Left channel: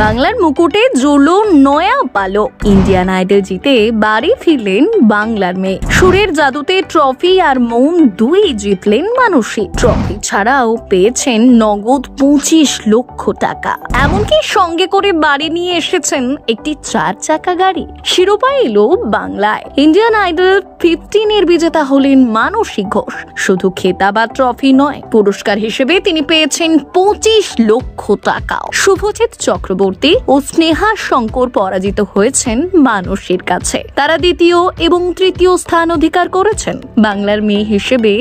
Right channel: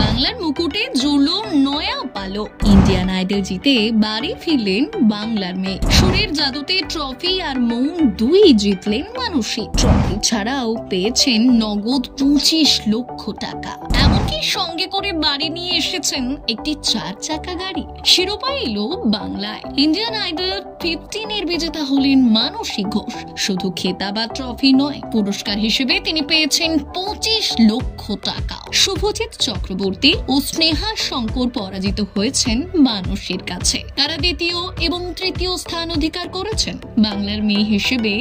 বাংলার মুকুটে জুড়লো নয়া পালক। ইন্ডিয়ান আইডল জিতে বাড়ি ফিরলেন বাংলার মেয়ে। সুরের জাদুতে ট্রফি আর মন দুই জিতলেন মানসী। ট্রফি ছাড়াও পেয়েছেন নগদ 25 লক্ষ টাকা। এমনকি সঙ্গে করে বাড়ি নিয়ে এসেছেন একটি 4 চাকা গাড়ি। শিরোপা এলো বাংলায়। ইন্ডিয়ান আইডল 15 বিজেতা হলেন মানসী ঘোষ। শুধু খেতাব আর ট্রফি নয়, পুরস্কার হিসেবে তিনি পেয়েছেন 25 লক্ষ টাকা। শুভজিৎ চক্রবর্তী ও স্নেহা শঙ্কর পরাজিত হয়েছেন মানসীর কাছে। তারা দ্বিতীয় এবং তৃতীয় স্থান অধিকার করেছেন। বাংলার মেয়ে হিসেবে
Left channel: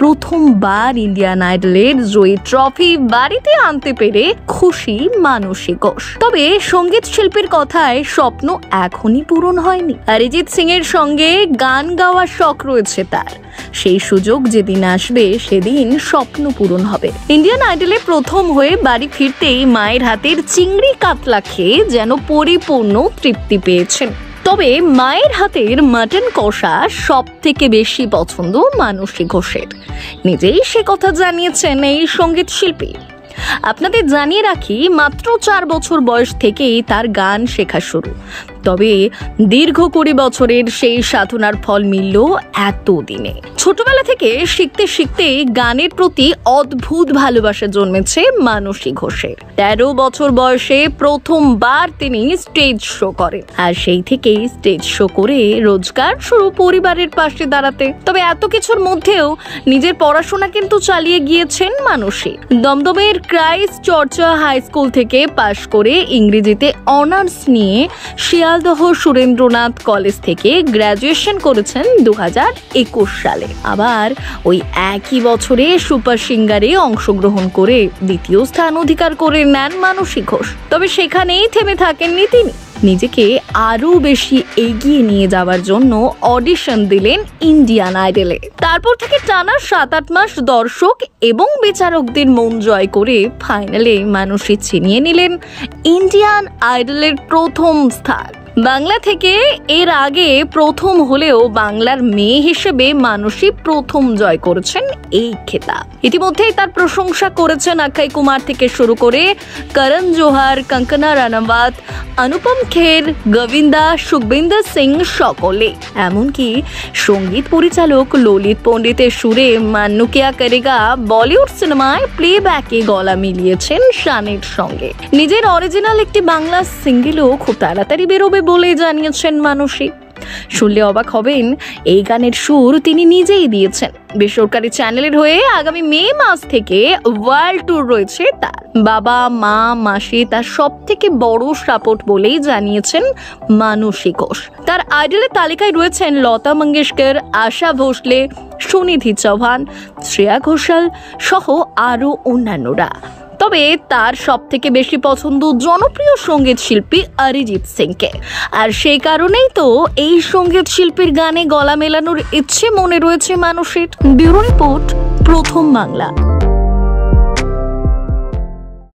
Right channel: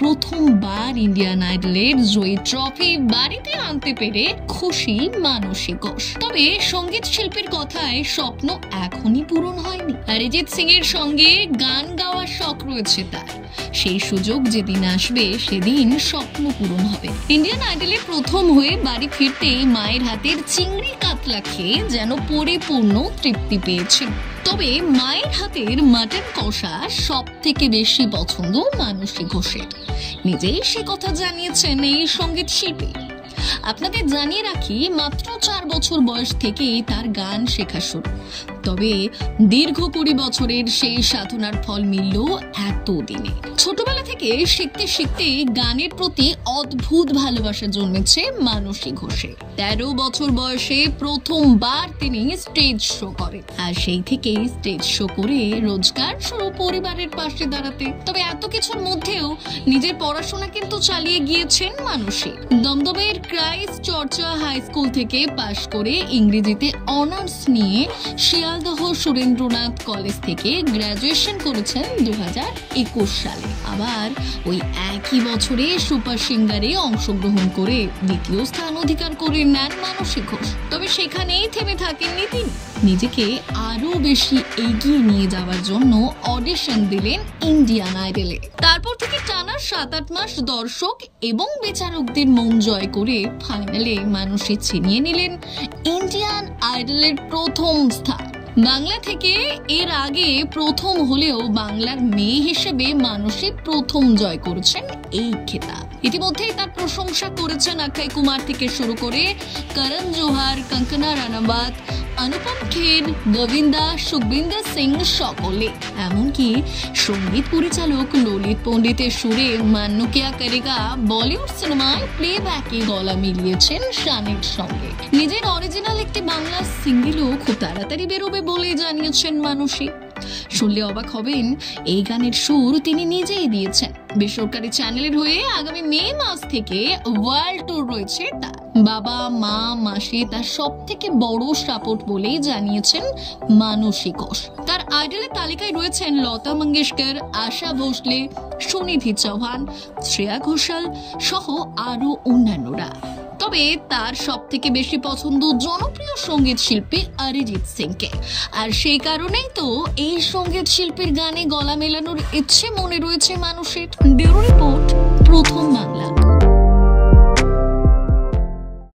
প্রথমবার ইন্ডিয়ান আইডলের জয়ী ট্রফি বাড়িতে আনতে পেরে খুশি মানসী ঘোষ। তবে সঙ্গীত শিল্পীর কথায় স্বপ্ন এখনই পূরণ হয়নি। অরিজিৎ সিং এর সঙ্গে গান গাওয়ার শখ রয়েছে তার। সেই সুযোগ যেদিন আসবে সেদিন স্বপ্ন পূরণ হবে। ইন্ডিয়ান আইডলে প্রথম হয়ে বাড়ি ফিরতেই মায়ের হাতের চিংড়ি কাতলা খেয়ে যেন পরিপূর্ণ তৃপ্তি পেয়েছেন। তবে মায়ের হাতের মাটন কষা সব থেকে বেশি পছন্দ মানসী ঘোষের। নিজেই সে কথা জানিয়েছেন এই সঙ্গীত শিল্পী। আপনাদের জানিয়ে রাখি, মাত্র 4 বছর বয়স থেকেই তার গান শেখা শুরু। তবে দীর্ঘ 20 বছরের সেই সাধনার ফল মিলল এতদিনে। ছোটবেলা থেকে শিখতে শিখতে গানের প্রতি অদ্ভুত ভালোবাসা জন্মেছে মানসী ঘোষের। 13 বছর বয়সে প্রথমবার তিনি স্টেজ শো করেন, আর সেই থেকেই স্টেজ শো করে রোজগার শুরু পরিবারের পাশে দাঁড়াতে। তবে এত কিছুর মধ্যেও নিজের পড়াশোনা কিন্তু চালিয়ে গিয়েছেন মানসী। দমদমের ক্রাইস্ট চর্চা হাই স্কুল থেকে পাশ করে ইংরেজিতে অনার্স নিয়ে শিয়ালদহ সুরেন্দ্রনাথ কলেজ থেকে গ্র্যাজুয়েশন করেছেন 2021 সালে। আবার ওই একই বছরে সুপার সিঙ্গারে অংশগ্রহণ করে দ্বিতীয় স্থান অধিকার করে নেন মানসী ঘোষ। তবে সেখানেই থেমে থাকেননি তিনি। নিজেকে আরো বেশি এগিয়ে নিয়ে যাওয়ার জন্য অডিশন দিলেন ইন্ডিয়ান আইডলে। তারপর থেকে টানা 7-8 মাস দর্শক এবং বিচারকদের মন জয় করে ফাইনালে মানসী ছিনিয়ে নিলেন ইন্ডিয়ান আইডলের প্রথম স্থান। বাংলা থেকে এর আগে প্রথম হলেও বাংলার মেয়ে হিসেবে মানসী প্রথম জয় করেছেন এই খেতাব। ইতিমধ্যেই তার প্রশংসা করেছেন অক্ষয় কুমার থেকে শুরু করে করণ জোহর, কঙ্কনা রানাওয়াত, অনুপম খের, গোবিন্দা, সুখবিন্দর সিং সকলে। এমনকি সঙ্গীত পরিচালক ললিত পণ্ডিতের সুরে মান্নু কিয়া করেগা বলিউড সিনেমায় প্লেব্যাকে গলা মিলিয়েছেন শানের সঙ্গে। নিজের অরিজিনাল একটি বাংলা সিঙ্গেলও খুব তাড়াতাড়ি বেরোবে বলে জানিয়েছেন মানসী। শুনলে অবাক হবেন, এই গানের সুর তিনি নিজেই দিয়েছেন। বেসরকারি চ্যানেলের হয়ে আগামী মে মাস থেকে ওয়ার্ল্ড ট্যুর রয়েছে তার। বাবা, মা, মাসি তার সব থেকে বড় সাপোর্ট বলেই জানিয়েছেন মানসী ঘোষ। তার আইডলের তালিকায় রয়েছেন লতা মঙ্গেশকর, আশা ভোসলে, সুনিধি চৌহান, শ্রেয়া ঘোষাল সহ আরো অন্যান্যরা। তবে তার সব থেকে বেশি পছন্দ জনপ্রিয় সঙ্গীত শিল্পী অরিজিৎ সিংকে। আর সেই কারণেই তো এই সঙ্গীত শিল্পীর গানে গলা মেলানোর ইচ্ছে মনে রয়েছে মানুষের। ব্যুরো রিপোর্ট, প্রথম বাংলা।